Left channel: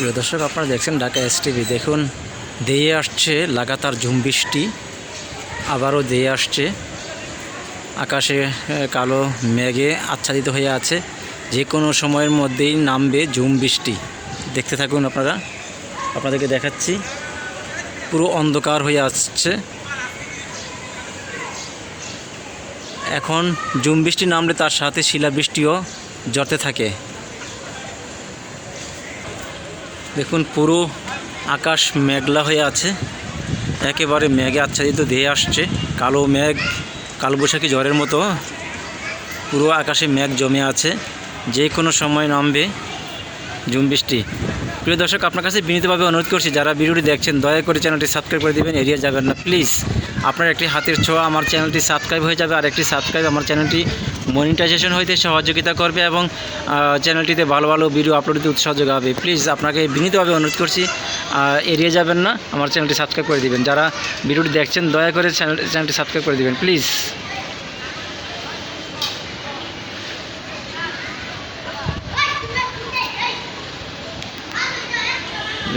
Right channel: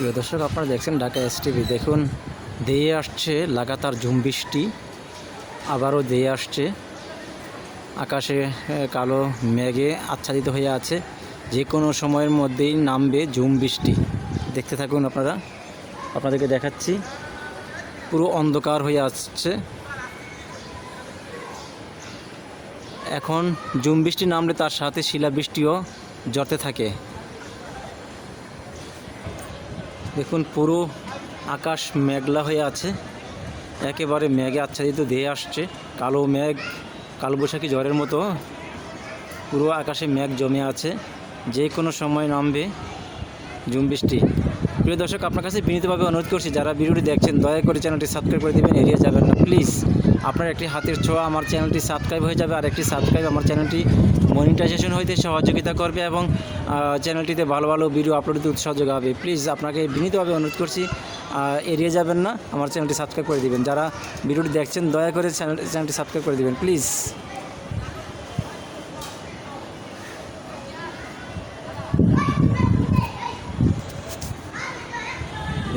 প্রিয় দর্শক, আপনারা দেখছেন ঢাকা এস টিভি দেখুন দিয়ে আসছে লাগাতার ঝুম বৃষ্টি, আবারও দিয়ে আসছে। আকাশে কালো মেঘে আচ্ছাদিত হয়ে আছে। যে কোনো সময়ের মধ্যেই নামবে ঝুম বৃষ্টি। দেখতে থাকুন আপনারা। আপনাদেরকে দেখাচ্ছি। পুরো অন্ধকার হয়ে আসছে। এখন ঝুম বৃষ্টি নামলে তার সাথে শিলাবৃষ্টিও জড়তে থাকে। দেখুন, পুরো আকাশ মেঘলা হয়ে আছে। একেবারে মেঘে আচ্ছাদিত দেহে আসছে। কালো মেঘ, কালবৈশাখী জ্বরের মতো। পুরো আকাশে মেঘ জমে আছে। যে কোনো সময় নামবে। ঝুম বৃষ্টি। প্রিয় দর্শক, আপনার কাছে বিনীতভাবে অনুরোধ করছি, যারা ভিডিওটি দেখছেন, দয়া করে চ্যানেলটি সাবস্ক্রাইব করে দেবেন, এড়িয়ে যাবেন না। প্লিজ, আপনার একটি হাতের ছোঁয়া আমার চ্যানেলটি সাবস্ক্রাইব হয়ে যাবে আর একটি সাবস্ক্রাইব আমার চ্যানেলটি মনিটাইজেশন হইতে সহযোগিতা করবে এবং চ্যানেলটিতে ভালো ভালো ভিডিও আপলোড দিতে উৎসাহ যোগাবে প্লিজ, আপনাকে বিনীতভাবে অনুরোধ করছি এড়িয়ে যাবেন না, আমার চ্যানেলটি সাবস্ক্রাইব করে দেবেন। যারা ভিডিওটি দেখছেন, দয়া করে চ্যানেল, চ্যানেলটি সাবস্ক্রাইব করে দিবেন, প্লিজ।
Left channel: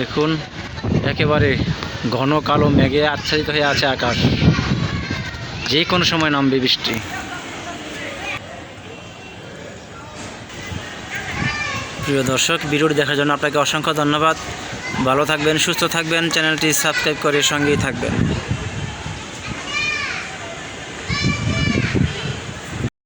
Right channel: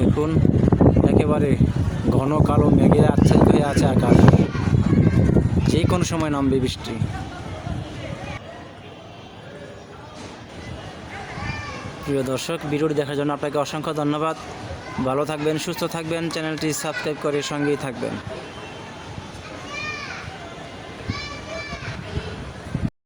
দেখুন, একেবারে ঘন কালো মেঘে আচ্ছাদিত হয়ে আছে আকাশ। যে কোনো সময় নামবে বৃষ্টি। প্রিয় দর্শক, ভিডিওটি দেখার জন্য আপনাকে অসংখ্য ধন্যবাদ। ভালো থাকবেন, সুস্থ থাকবেন, চ্যানেলটি সাবস্ক্রাইব করে সঙ্গেই থাকবেন।